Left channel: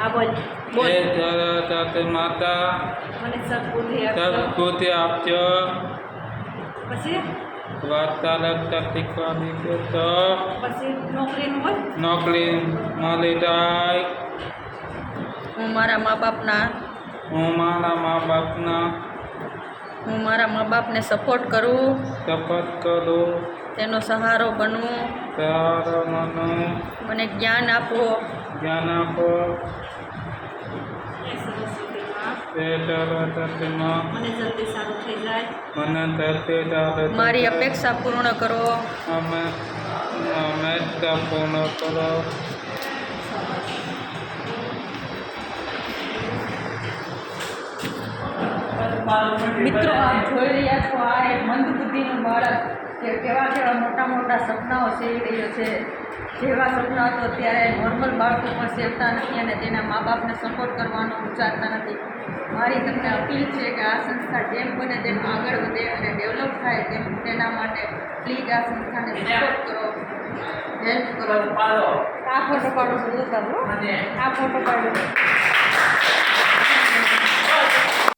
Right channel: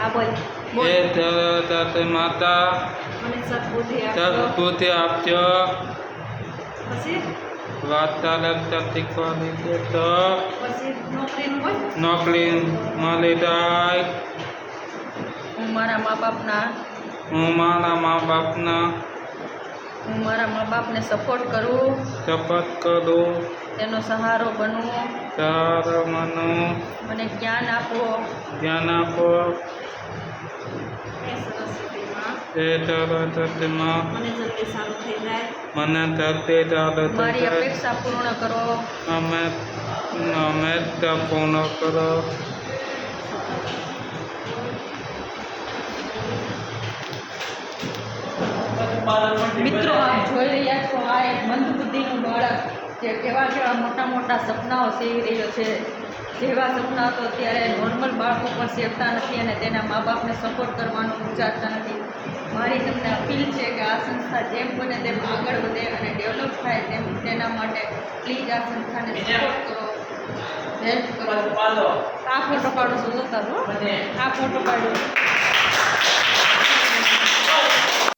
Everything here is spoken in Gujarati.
આ બોલ બોલ હે ધરતી માતા મને સદબુદ્ધિ આપજો સદબુદ્ધિ આપજો. પછી વાર્તાલાપ શીખવાની છે તો પછી નોકરીનું હોય નોકરી મળી જાય. હું મારા મા બાપના હું મારા મા બાપના સપોર્ટ કરું શપથ કરું. તેનો સહારો બનવું સહારો મનું મને જ્ઞાન આપો જ્ઞાન આપો. એ સરસ્વતીમાં એ સરસ્વતીમાં મને જલ્દી સારું થઈ જાય મને ધરતી ચાલે મારી અપેક્ષા પૂર્ણ કરો અમે પૂર્ણ કરો. મિત્રો આપ જોઈ રહ્યા છો આ એક મંદબુદ્ધિનું બાળક જે કેવા મોટા મોટા સપનાઓ સેવી રહ્યો છે. જેવા સપના તો અત્યારે નોર્મલ બાળકો પણ સેવતા નથી અને તેના મા બાપને સપોર્ટ કરવાનું વિચારતા નથી. મારી તમને અપીલ છે કે આ સંસ્થા જેમ બને તેમ આગળ વધે અને ડેવલપ થાય તેના માટે પ્લીઝ આ સંસ્થાને સપોર્ટ કરો, હેલ્પ કરો. આ ફોટો પાડો છો જોતા છો, આ ફોટો પાડ્યો.